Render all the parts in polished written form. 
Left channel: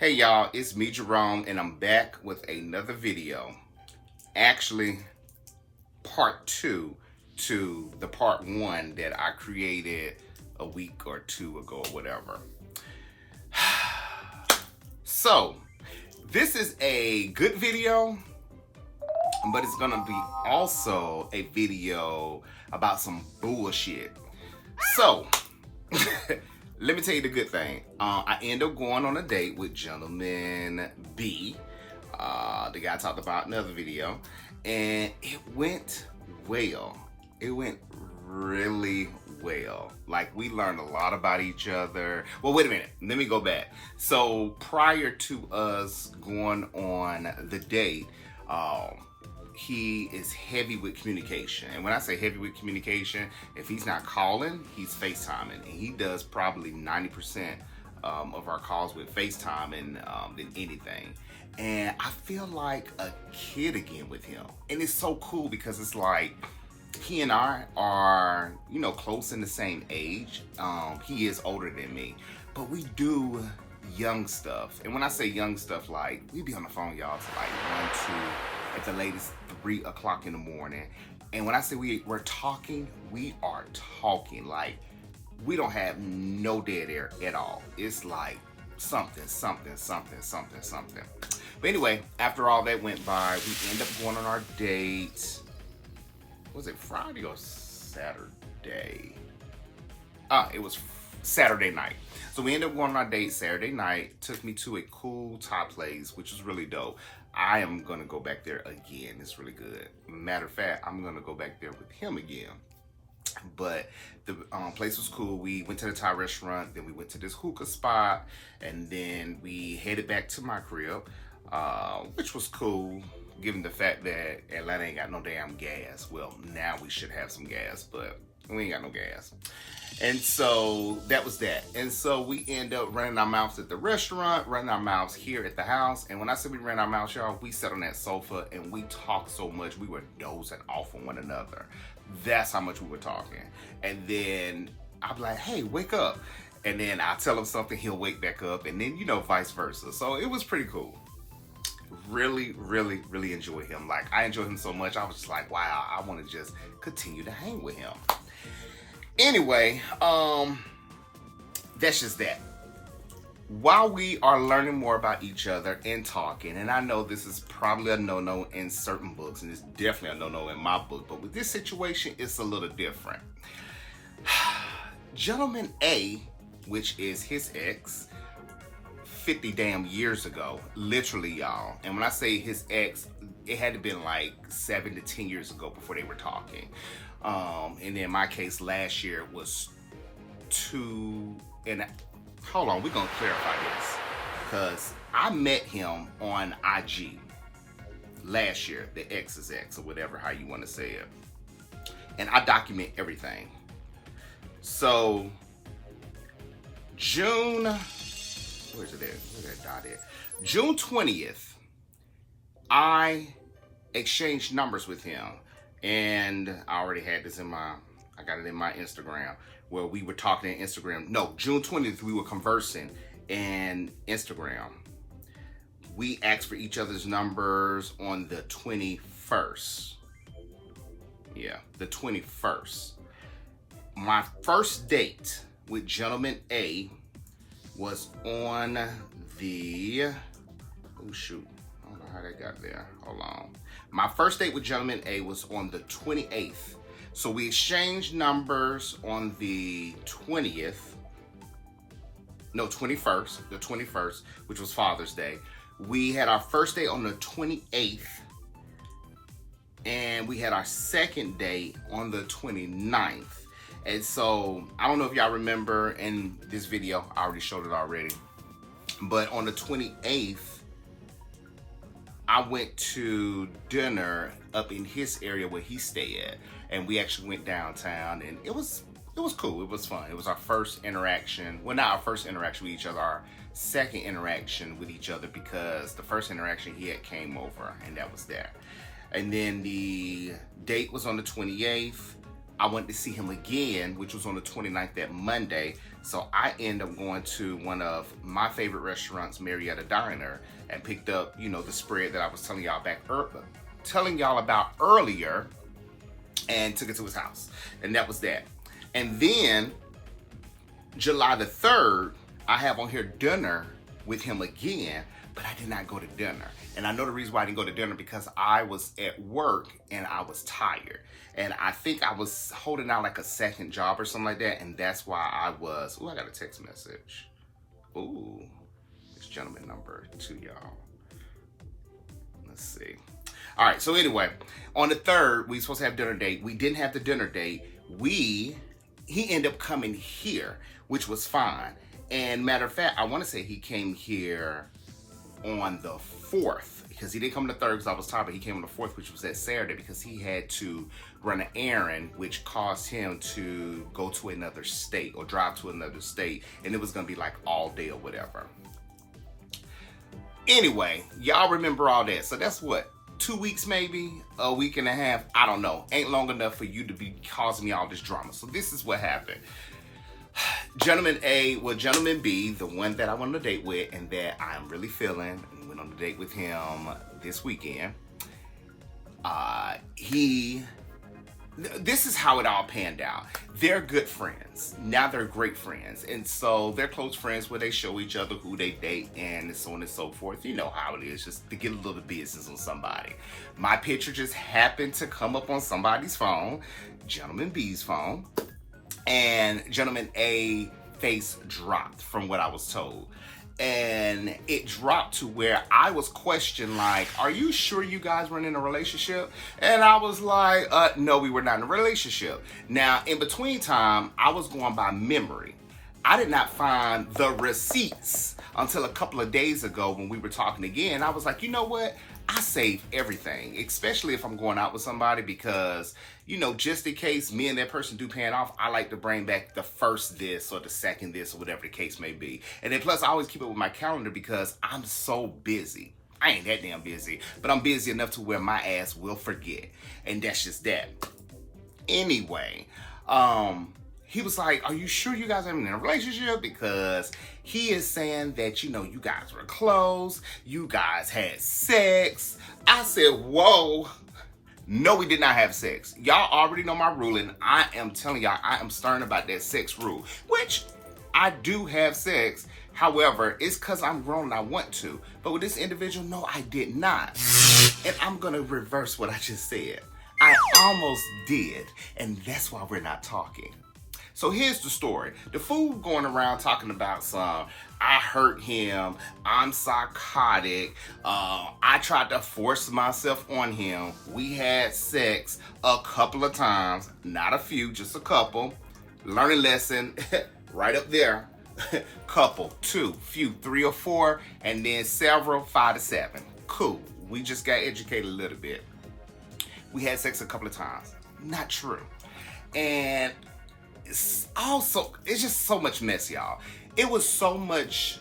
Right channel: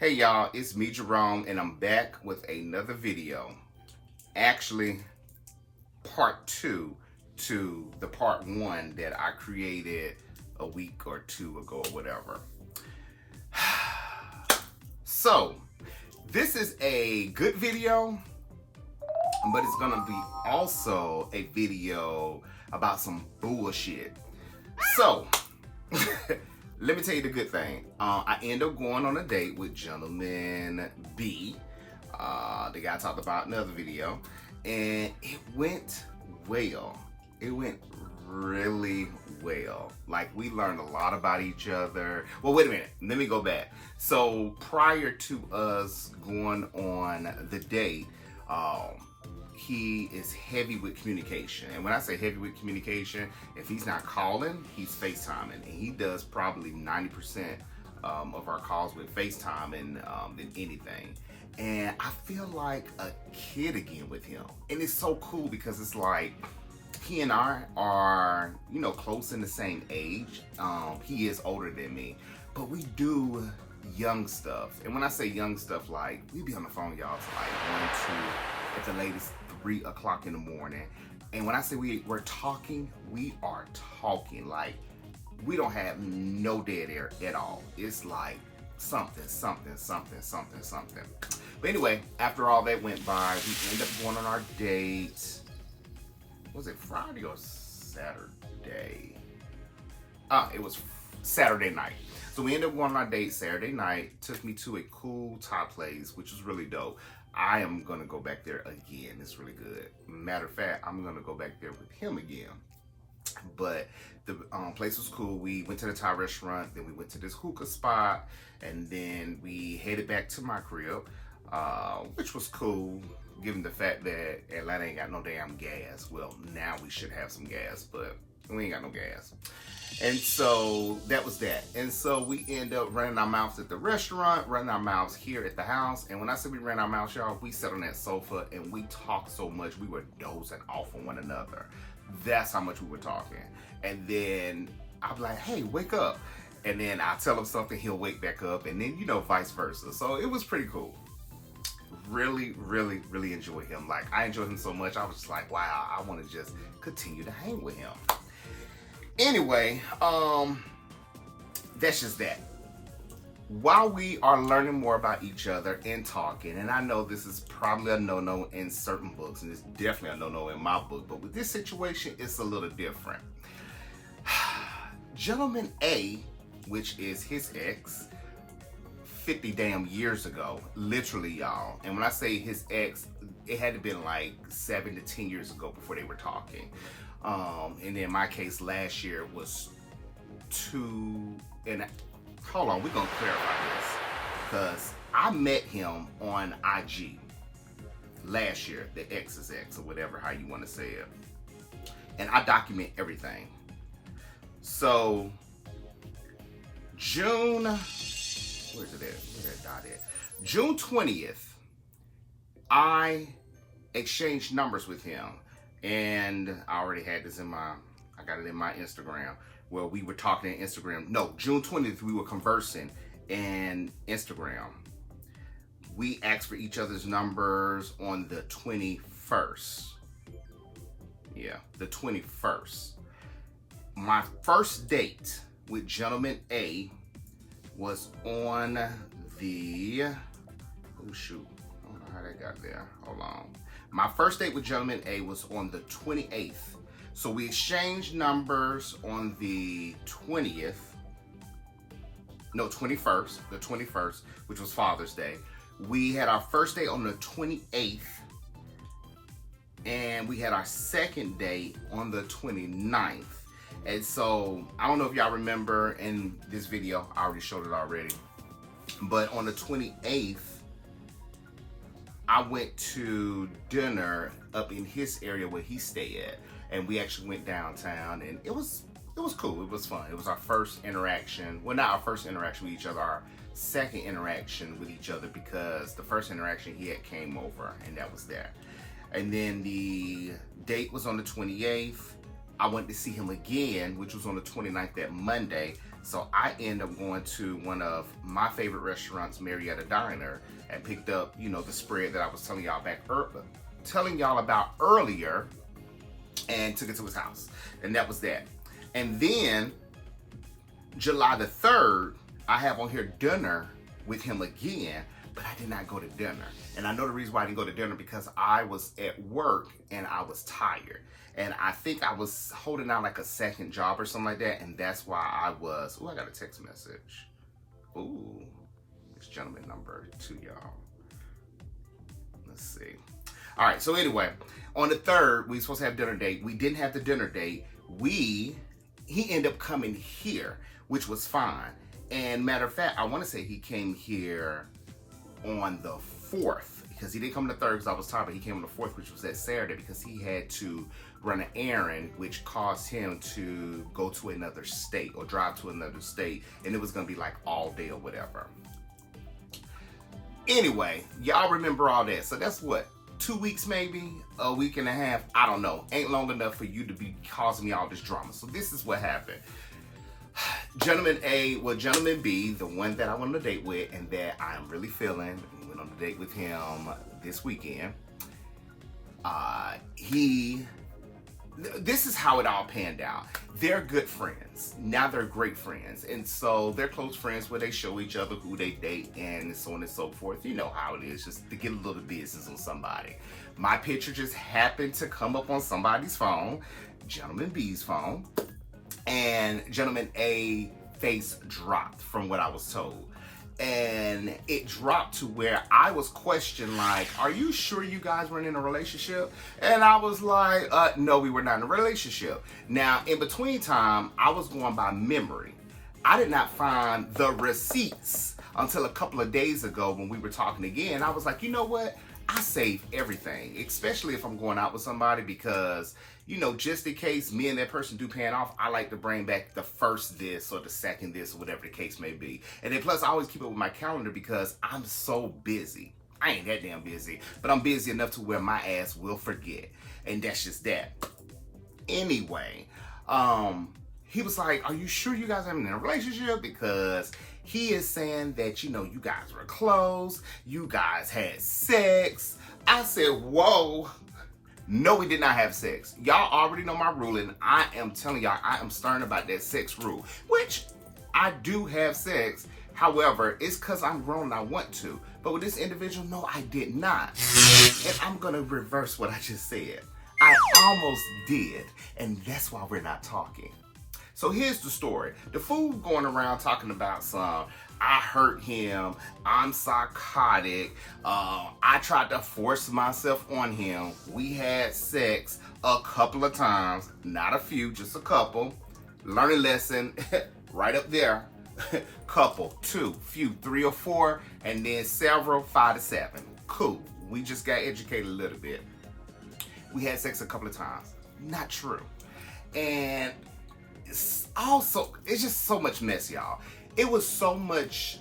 Hey y'all, it's me Jerome and I'm back with another video. Actually, part two to the part one that I created a week or two ago or whatever. So, this is a good video, but it's gonna be also a video about some bullshit. So, let me tell you the good thing. I end up going on a date with gentleman B, the guy I talked about in another video, and it went well. It went really well. Like, we learned a lot about each other. Well, wait a minute. Let me go back. So prior to us going on the date, he is heavy with communication. And when I say heavy with communication, if he's not calling, he's FaceTiming. And he does probably 90% of our calls with FaceTiming than anything. And I feel like a kid again with him. And it's so cool because it's like, he and I are, close in the same age. He is older than me, but we do young stuff. And when I say young stuff, like, we be on the phone, y'all, to like 1, 2, at the latest 3 o'clock in the morning. And when I say we're talking, we are talking. Like, we don't have no dead air at all. It's like something. But anyway, after all that went by, we end up going on our date. Was it Friday or Saturday? It was Saturday night. So we ended up going on our date Saturday night. Took me to a cool Thai place, which was really dope. I am gonna go back there again. It's really good. Matter of fact, I'm gonna go back there with him again. But the place was cool. We went to the Thai restaurant, then we went to this hookah spot, and then we headed back to my crib, which was cool, given the fact that Atlanta ain't got no damn gas. Well, now we should have some gas, but we ain't got no gas. And so that was that. And so we end up running our mouths at the restaurant, running our mouths here at the house. And when I say we ran our mouths, y'all, we sat on that sofa and we talked so much, we were dozing off on one another. That's how much we were talking. And then I'm like, hey, wake up. And then I'll tell him something, he'll wake back up. And then, vice versa. So it was pretty cool. Really enjoy him. Like, I enjoy him so much. I was just like, wow, I want to just continue to hang with him. Anyway, that's just that. While we are learning more about each other and talking, and I know this is probably a no-no in certain books, and it's definitely a no-no in my book, but with this situation, it's a little different. Gentleman A, which is his ex, 50 damn years ago, literally, y'all. And when I say his ex, it had to been like 7 to 10 years ago before they were talking. And in my case, last year it was 2 and hold on, we're gonna clarify this, because I met him on IG last year, the ex's ex, or whatever, how you want to say it. And I document everything. So June, where's it at? Where's that dot at? June 20th, I exchanged numbers with him. And I already had this I got it in my Instagram, where we were talking in Instagram. No, June 20th, we were conversing in Instagram. We asked for each other's numbers on the 21st. Yeah, the 21st. My first date with gentleman A was on the, oh shoot, I don't know how that got there. Hold on. My first date with gentleman A was on the 28th. So we exchanged numbers on the 20th. No, 21st. The 21st, which was Father's Day. We had our first date on the 28th. And we had our second date on the 29th. And so, I don't know if y'all remember in this video, I already showed it already. But on the 28th, I went to dinner up in his area where he stayed at, and we actually went downtown, and it was cool. It was fun. It was our first interaction. Well, not our first interaction with each other, our second interaction with each other, because the first interaction he had came over, and that was that. And then the date was on the 28th. I went to see him again, which was on the 29th, that Monday. So I end up going to one of my favorite restaurants, Marietta Diner, and picked up, you know, the spread that I was telling y'all about earlier, and took it to his house. And that was that. And then July the 3rd, I have on here dinner with him again, but I did not go to dinner. And I know the reason why I didn't go to dinner because I was at work and I was tired. And I think I was holding out like a second job or something like that. And that's why I was, I got a text message. Ooh, it's gentleman number 2, y'all. Let's see. All right, so anyway, on the 3rd, we were supposed to have dinner date. We didn't have the dinner date. He ended up coming here, which was fine. And matter of fact, I want to say he came here on the 4th, because he didn't come on the 3rd because I was tired, but he came on the 4th, which was that Saturday, because he had to run an errand, which caused him to go to another state or drive to another state, and it was going to be like all day or whatever. Anyway, y'all remember all that. So that's what, 2 weeks maybe, a week and a half, I don't know. Ain't long enough for you to be causing me all this drama. So this is what happened. Gentleman A, well, Gentleman B, the one that I went on a date with and that I'm really feeling, and went on a date with him this weekend. This is how it all panned out. They're good friends. Now they're great friends. And so they're close friends where they show each other who they date and so on and so forth. You know how it is, just to get a little business on somebody. My picture just happened to come up on somebody's phone, Gentleman B's phone. And Gentleman A face dropped from what I was told. And it dropped to where I was questioned, like, are you sure you guys weren't in a relationship? And I was like, no, we were not in a relationship. Now, in between time, I was going by memory. I did not find the receipts until a couple of days ago when we were talking again. I was like, you know what? I save everything, especially if I'm going out with somebody, because, you know, just in case me and that person do pan off, I like to bring back the first this or the second this or whatever the case may be. And then plus I always keep it with my calendar because I'm so busy. I ain't that damn busy, but I'm busy enough to where my ass will forget. And that's just that. Anyway, he was like, are you sure you guys aren't in a relationship? Because he is saying that, you know, you guys were close, you guys had sex. I said, whoa. No, we did not have sex. Y'all already know my ruling. I am telling y'all, I am stern about that sex rule, which I do have sex. However, it's because I'm grown and I want to. But with this individual, no, I did not. And I'm going to reverse what I just said. I almost did. And that's why we're not talking. So here's the story. The fool going around talking about I hurt him, I'm psychotic, I tried to force myself on him. We had sex a couple of times, not a few, just a couple. Learning lesson, right up there. Couple, 2, few, 3 or 4, and then several, 5 to 7. Cool, we just got educated a little bit. We had sex a couple of times. Not true. And it's just so much mess, y'all. It was so much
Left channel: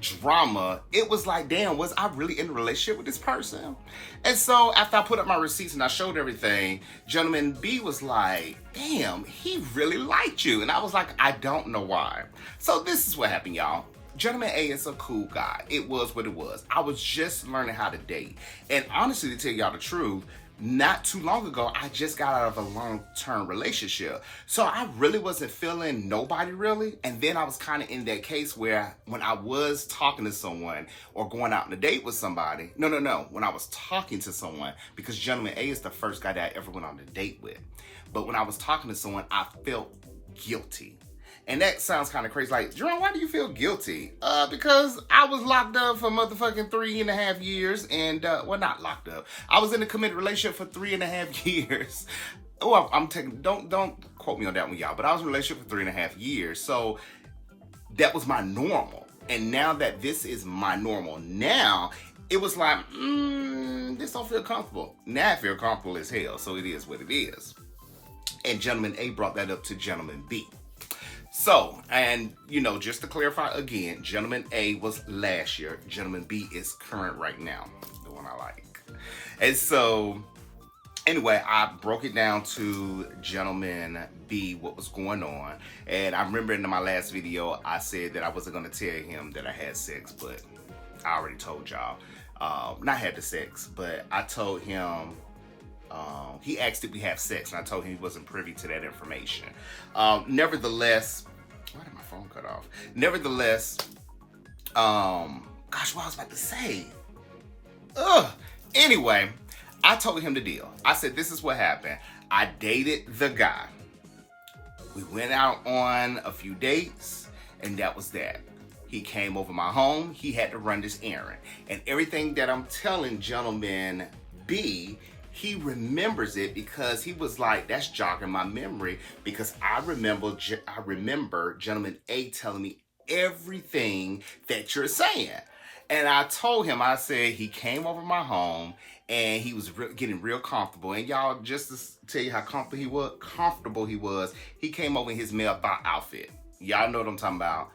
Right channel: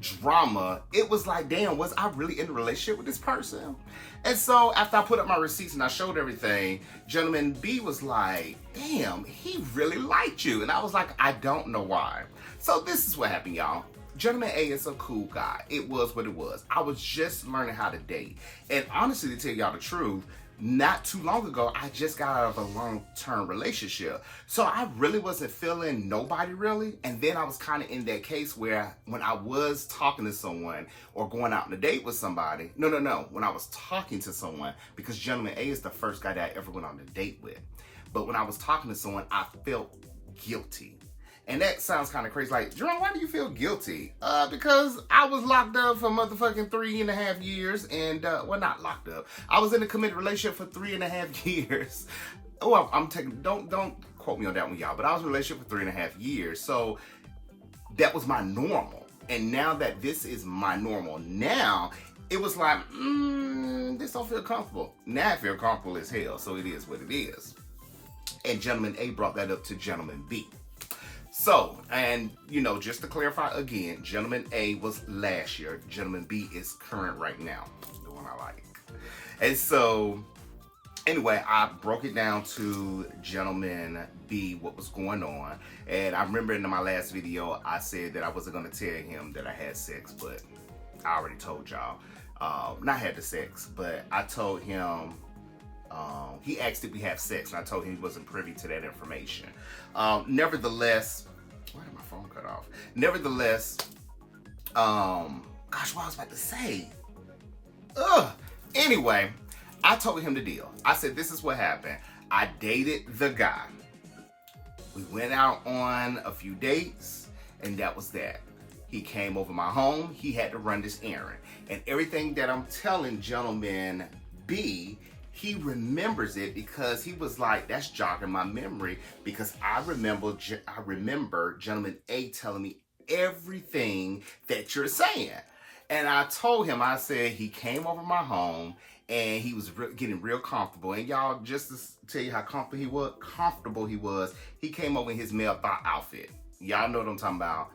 drama. It was like, damn, was I really in a relationship with this person? And so after I put up my receipts and I showed everything, Gentleman B was like, damn, he really liked you. And I was like, I don't know why. So this is what happened, y'all. Gentleman A is a cool guy. It was what it was. I was just learning how to date. And honestly, to tell y'all the truth, not too long ago, I just got out of a long-term relationship. So I really wasn't feeling nobody really. And then I was kind of in that case where when I was talking to someone or going out on a date with somebody, when I was talking to someone, because Gentleman A is the first guy that I ever went on a date with. But when I was talking to someone, I felt guilty. And that sounds kind of crazy. Like, Jerome, why do you feel guilty? Because I was locked up for motherfucking 3.5 years. And, well, not locked up. I was in a committed relationship for 3.5 years. Oh, I'm taking, don't quote me on that one, y'all. But I was in a relationship for 3.5 years. So that was my normal. And now that this is my normal, now it was like, this don't feel comfortable. Now I feel comfortable as hell. So it is what it is. And Gentleman A brought that up to Gentleman B. So, and, you know, just to clarify again, Gentleman A was last year. Gentleman B is current right now. The one I like. And so, Anyway, I broke it down to Gentleman B what was going on. And I remember in my last video, I said that I wasn't going to tell him that I had sex, but I already told y'all. Not had the sex, but I told him, he asked if we have sex, and I told him he wasn't privy to that information. Nevertheless, why did my phone cut off? Nevertheless, gosh, what I was about to say. Anyway, I told him the deal. I said, this is what happened. I dated the guy. We went out on a few dates, and that was that. He came over my home. He had to run this errand. And everything that I'm telling Gentleman B, he remembers it because he was like, that's jogging my memory, because I remember Gentleman A telling me everything that you're saying. And I told him, I said, he came over my home and he was getting real comfortable. And y'all, just to tell you how comfortable he was, he came over in his male thought outfit. Y'all know what I'm talking about.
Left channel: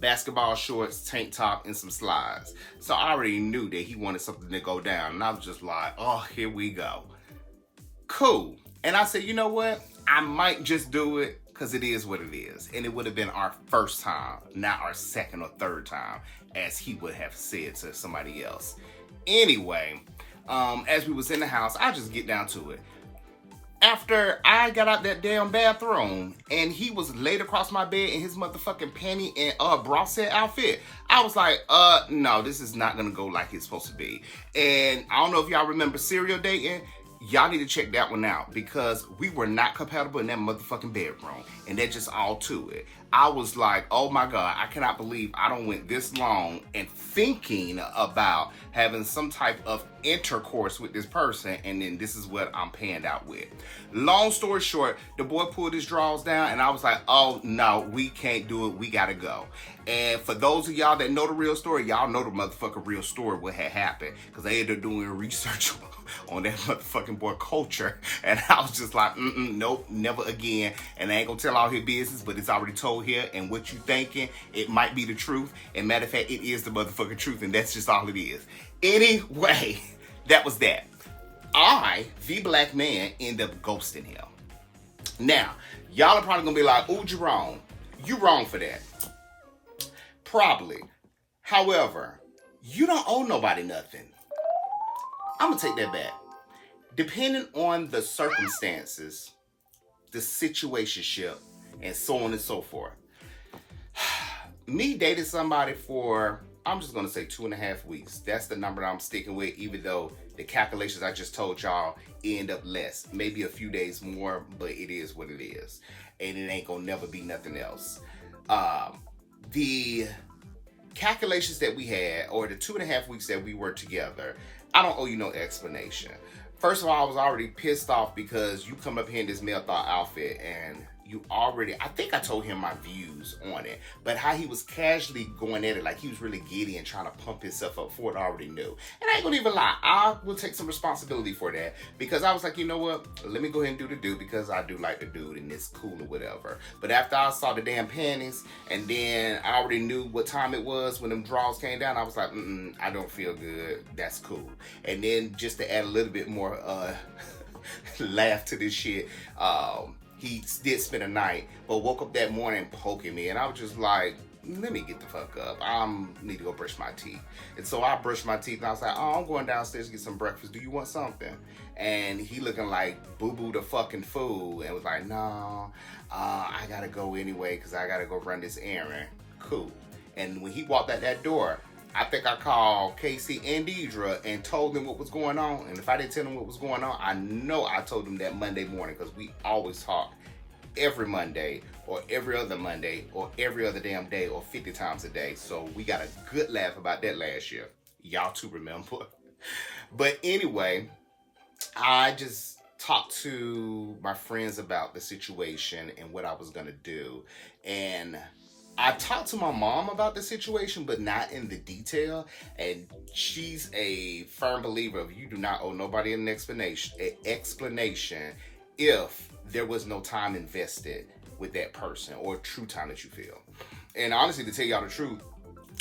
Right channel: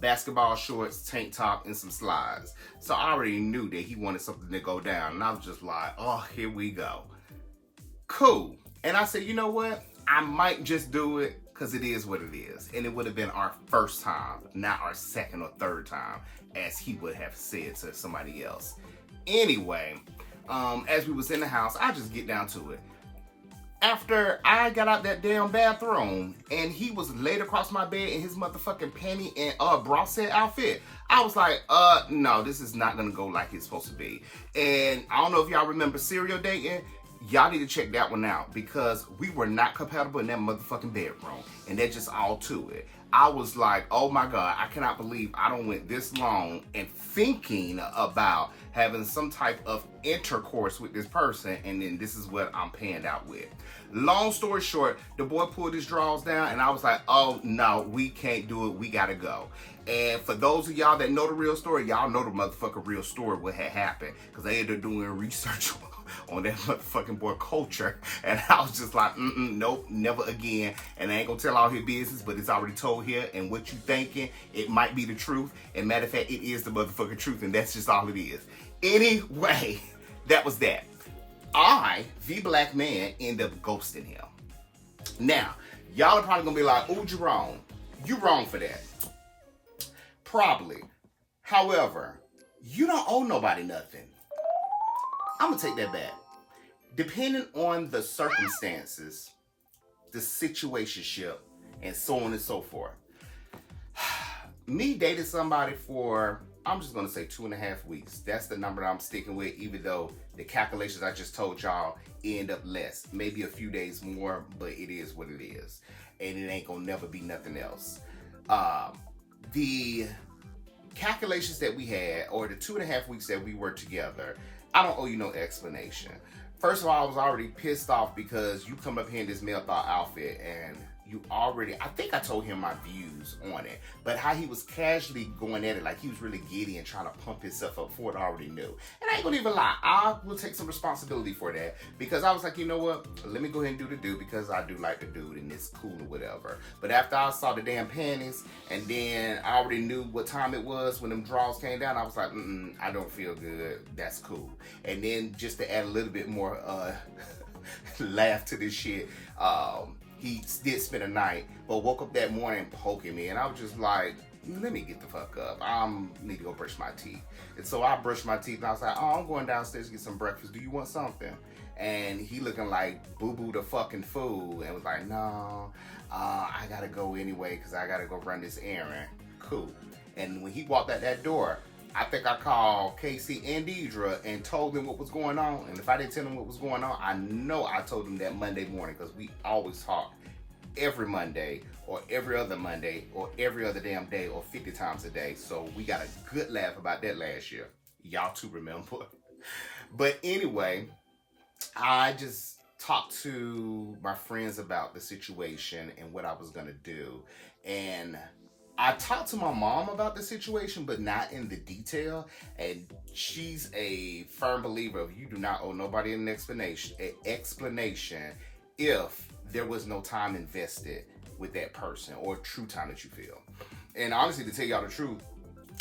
Basketball shorts, tank top, and some slides. So I already knew that he wanted something to go down. And I was just like, oh, here we go. Cool. And I said, you know what? I might just do it because it is what it is. And it would have been our first time, not our second or third time, as he would have said to somebody else. Anyway, as we was in the house, I just get down to it. After I got out that damn bathroom and he was laid across my bed in his motherfucking panty and bra set outfit, I was like, no, this is not gonna go like it's supposed to be. And I don't know if y'all remember serial dating. Y'all need to check that one out because we were not compatible in that motherfucking bedroom. And that just all to it. I was like, oh my God, I cannot believe I don't went this long and thinking about having some type of intercourse with this person, and then this is what I'm panned out with. Long story short, the boy pulled his drawers down and I was like, oh no, we can't do it, we gotta go. And for those of y'all that know the real story, y'all know the motherfucking real story what had happened, because they ended up doing research on that motherfucking boy culture, and I was just like, nope, never again. And I ain't gonna tell all his business, but it's already told here, and what you thinking, it might be the truth, and matter of fact, it is the motherfucking truth, and that's just all it is. Anyway, that was that. I, the black man, end up ghosting him. Now, y'all are probably gonna be like, ooh, Jerome, you wrong for that. Probably. However, you don't owe nobody nothing. I'm gonna take that back. Depending on the circumstances, the situationship, and so on and so forth. Me dating somebody for, I'm just gonna say 2.5 weeks. That's the number that I'm sticking with, even though the calculations I just told y'all end up less. Maybe a few days more, but it is what it is. And it ain't gonna never be nothing else. The calculations that we had, or the 2.5 weeks that we were together, I don't owe you no explanation. First of all, I was already pissed off because you come up here in this male thought outfit and you already, I think I told him my views on it, but how he was casually going at it like he was really giddy and trying to pump himself up for it, I already knew. And I ain't gonna even lie, I will take some responsibility for that, because I was like, you know what, let me go ahead and do the dude, because I do like the dude and it's cool or whatever. But after I saw the damn panties, and then I already knew what time it was when them drawers came down, I was like, I don't feel good, that's cool. And then just to add a little bit more laugh to this shit, he did spend a night, but woke up that morning poking me, and I was just like, let me get the fuck up. I need to go brush my teeth. And so I brushed my teeth, and I was like, oh, I'm going downstairs to get some breakfast. Do you want something? And he looking like boo-boo the fucking fool, and was like, no, I gotta go anyway, because I gotta go run this errand. Cool. And when he walked out that door, I think I called Casey and Deidre and told them what was going on. And if I didn't tell them what was going on, I know I told them that Monday morning, because we always talk every Monday or every other Monday or every other damn day or 50 times a day. So we got a good laugh about that last year. Y'all too remember. But anyway, I just talked to my friends about the situation and what I was going to do. And I talked to my mom about the situation, but not in the detail. And she's a firm believer of you do not owe nobody an explanation if there was no time invested with that person, or true time that you feel. And honestly, to tell y'all the truth,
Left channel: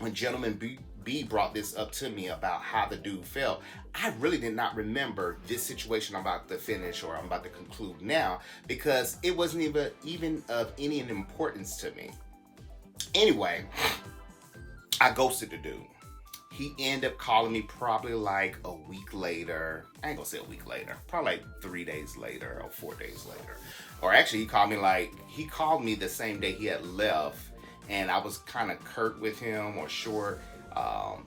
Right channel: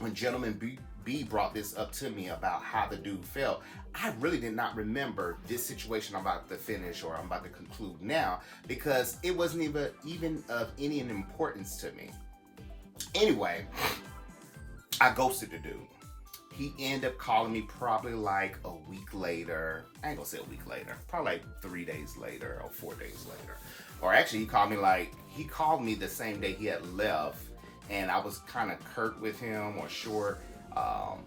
when Gentleman B brought this up to me about how the dude felt, I really did not remember this situation I'm about to finish or I'm about to conclude now, because it wasn't even of any importance to me. Anyway, I ghosted the dude. He ended up calling me probably like a week later. I ain't gonna say a week later. Probably like 3 days later or 4 days later. Or actually, he called me the same day he had left, and I was kind of curt with him or short.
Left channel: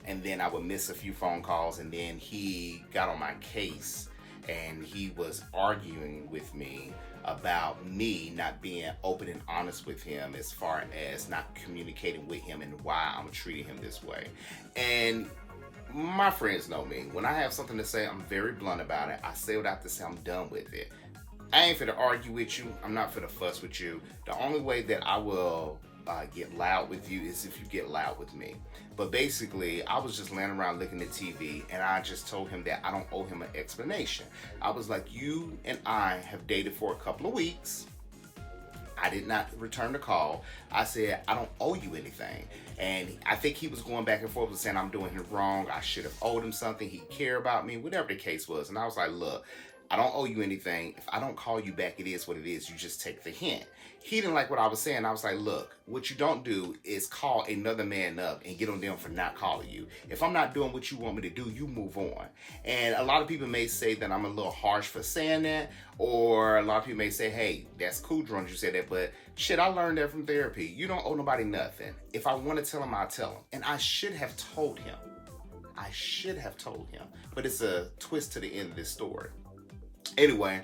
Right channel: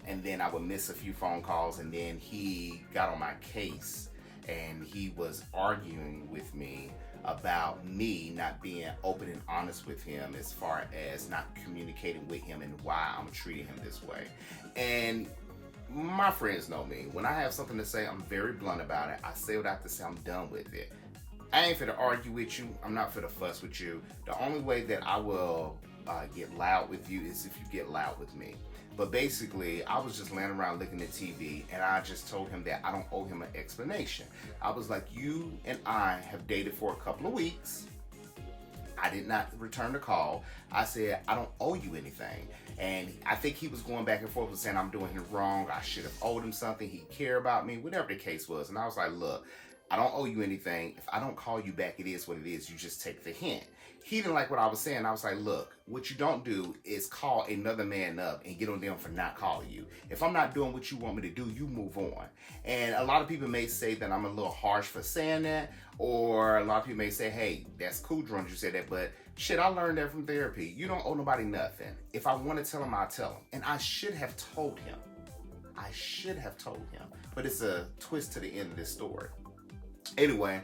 And then I would miss a few phone calls, and then he got on my case, and he was arguing with me about me not being open and honest with him as far as not communicating with him and why I'm treating him this way. And my friends know me. When I have something to say, I'm very blunt about it. I say what I have to say. I'm done with it. I ain't finna argue with you. I'm not finna fuss with you. The only way that I will get loud with you is if you get loud with me. But basically, I was just laying around looking at TV, and I just told him that I don't owe him an explanation. I was like, you and I have dated for a couple of weeks. I did not return the call. I said, I don't owe you anything. And I think he was going back and forth with saying I'm doing him wrong. I should have owed him something. He cared about me, whatever the case was. And I was like, look, I don't owe you anything. If I don't call you back, it is what it is. You just take the hint. He didn't like what I was saying. I was like, look, what you don't do is call another man up and get on them for not calling you. If I'm not doing what you want me to do, you move on. And a lot of people may say that I'm a little harsh for saying that, or a lot of people may say, hey, that's cool, Jerome, you said that, but shit, I learned that from therapy. You don't owe nobody nothing. If I want to tell him, I'll tell him. And I should have told him. But it's a twist to the end of this story. Anyway,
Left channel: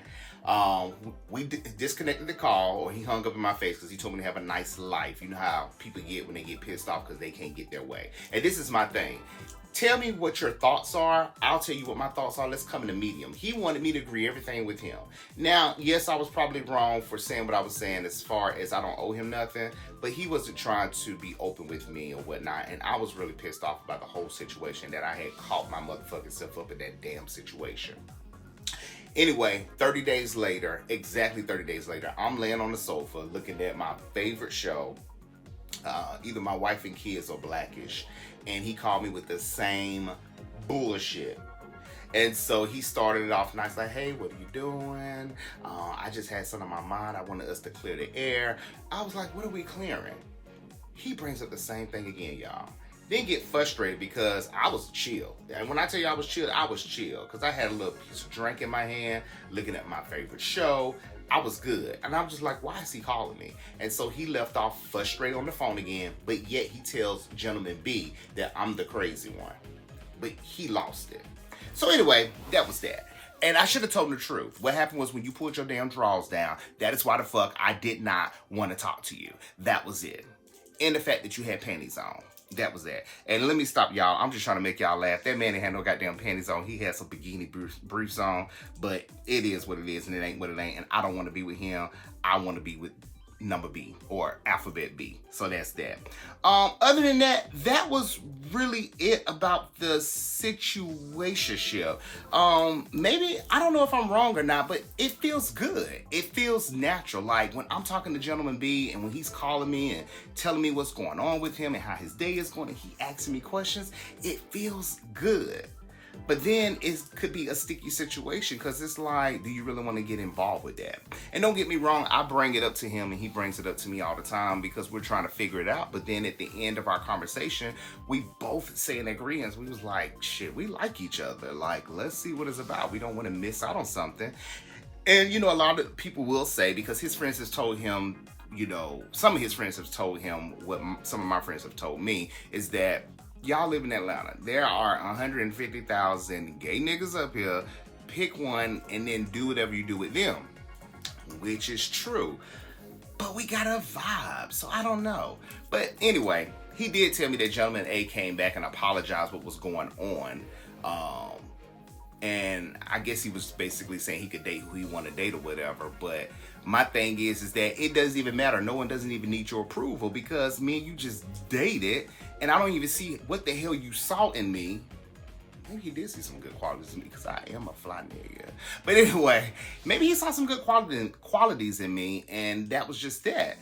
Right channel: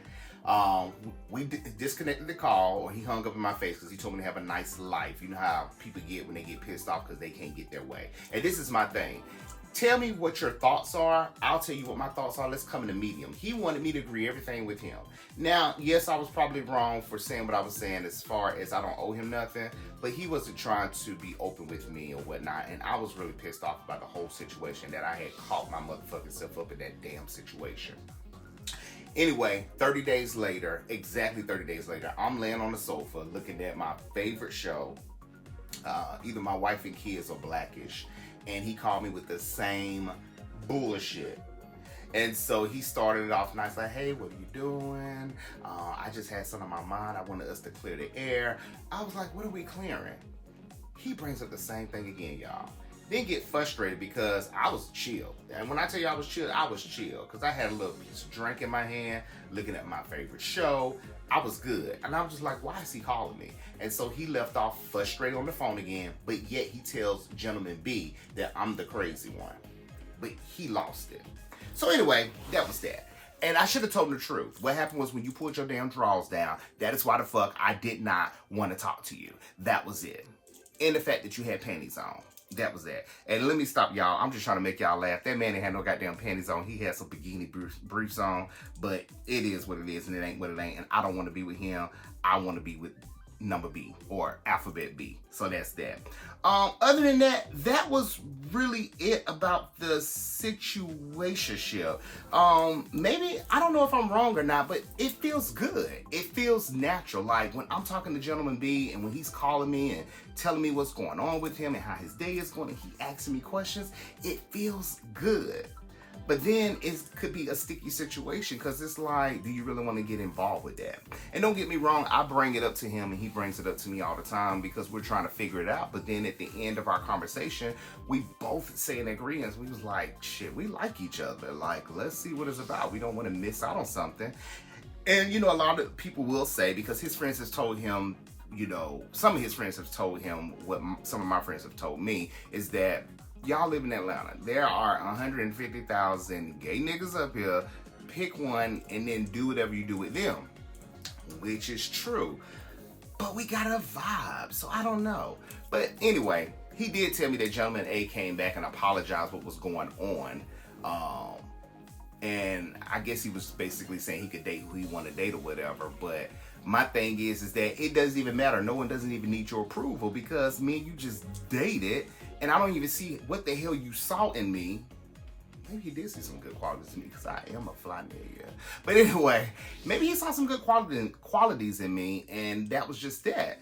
we disconnected the call, or he hung up in my face because he told me to have a nice life. You know how people get when they get pissed off because they can't get their way. And this is my thing. Tell me what your thoughts are. I'll tell you what my thoughts are. Let's come in a medium. He wanted me to agree everything with him. Now, yes, I was probably wrong for saying what I was saying as far as I don't owe him nothing, but he wasn't trying to be open with me or whatnot. And I was really pissed off about the whole situation, that I had caught my motherfucking self up in that damn situation. Anyway, 30 days later, exactly 30 days later, I'm laying on the sofa looking at my favorite show, either My Wife and Kids or Blackish, and he called me with the same bullshit. And so he started it off nice, like, hey, what are you doing? I just had something on my mind. I wanted us to clear the air. I was like, what are we clearing? He brings up the same thing again, y'all. Then get frustrated because I was chill. And when I tell you I was chill, because I had a little piece of drink in my hand, looking at my favorite show. I was good. And I was just like, why is he calling me? And so he left off frustrated on the phone again, but yet he tells Gentleman B that I'm the crazy one. But he lost it. So anyway, that was that. And I should have told him the truth. What happened was when you pulled your damn drawers down, that is why the fuck I did not want to talk to you. That was it. And the fact that you had panties on. That was that. And let me stop y'all. I'm just trying to make y'all laugh. That man ain't had no goddamn panties on. He had some bikini briefs on. But it is what it is, and it ain't what it ain't. And I don't want to be with him. I want to be with number B, or alphabet B. So that's that. Other than that, that was really it about the situationship. Maybe, I don't know if I'm wrong or not, but it feels good. It feels natural. Like when I'm talking to Gentleman B and when he's calling me and telling me what's going on with him and how his day is going and he asking me questions, it feels good. But then it could be a sticky situation because it's like, do you really want to get involved with that? And don't get me wrong, I bring it up to him and he brings it up to me all the time because we're trying to figure it out. But then at the end of our conversation, we both say in agreement, we was like, shit, we like each other. Like, let's see what it's about. We don't want to miss out on something. And, you know, a lot of people will say, because his friends has told him, you know, some of his friends have told him what some of my friends have told me, is that y'all live in Atlanta. There are 150,000 gay niggas up here. Pick one and then do whatever you do with them, which is true. But we got a vibe, so I don't know. But anyway, he did tell me that Gentleman A came back and apologized what was going on. And I guess he was basically saying he could date who he wanted to date or whatever. But my thing is that it doesn't even matter. No one doesn't even need your approval because me and you just dated. And I don't even see what the hell you saw in me. Maybe he did see some good qualities in me because I am a fly nigga. But anyway, maybe he saw some good qualities in me, and that was just that.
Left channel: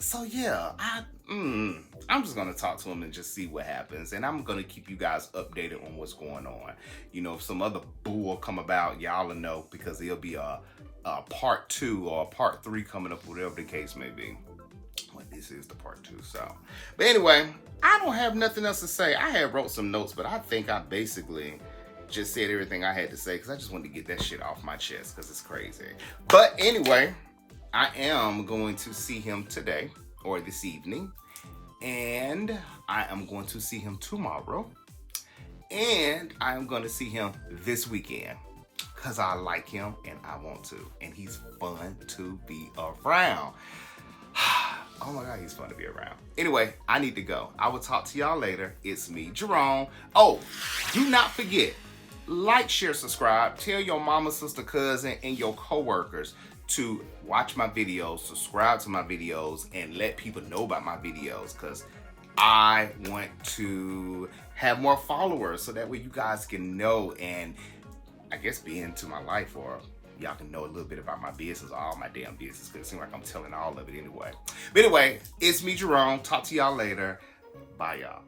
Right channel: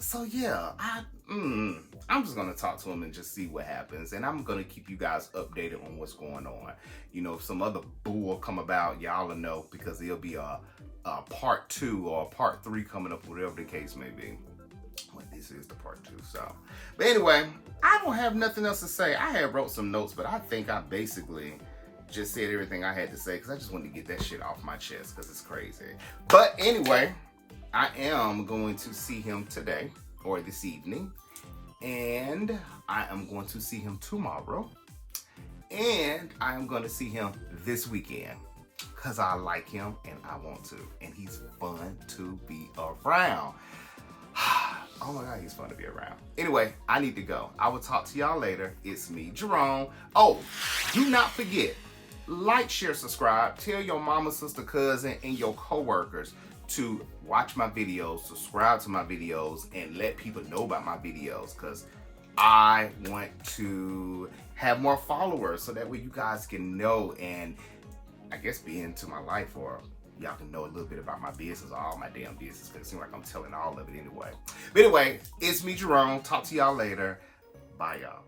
So yeah, I'm just going to talk to him and just see what happens. And I'm going to keep you guys updated on what's going on. You know, if some other bull come about, y'all will know, because there'll be a part 2 or a part 3 coming up, whatever the case may be. Well, this is the part 2, so. But anyway, I don't have nothing else to say. I had wrote some notes, but I think I basically just said everything I had to say, because I just wanted to get that shit off my chest, because it's crazy. But anyway, I am going to see him today or this evening, and I am going to see him tomorrow, and I am going to see him this weekend, because I like him and I want to, and he's fun to be around. Oh my God, he's fun to be around. Anyway, I need to go. I will talk to y'all later. It's me, Jerome. Oh, do not forget, like, share, subscribe. Tell your mama, sister, cousin, and your coworkers to watch my videos, subscribe to my videos, and let people know about my videos, because I want to have more followers so that way you guys can know and I guess be into my life, or y'all can know a little bit about my business, all my damn business, because it seems like I'm telling all of it anyway. But anyway, it's me, Jerome. Talk to y'all later. Bye, y'all.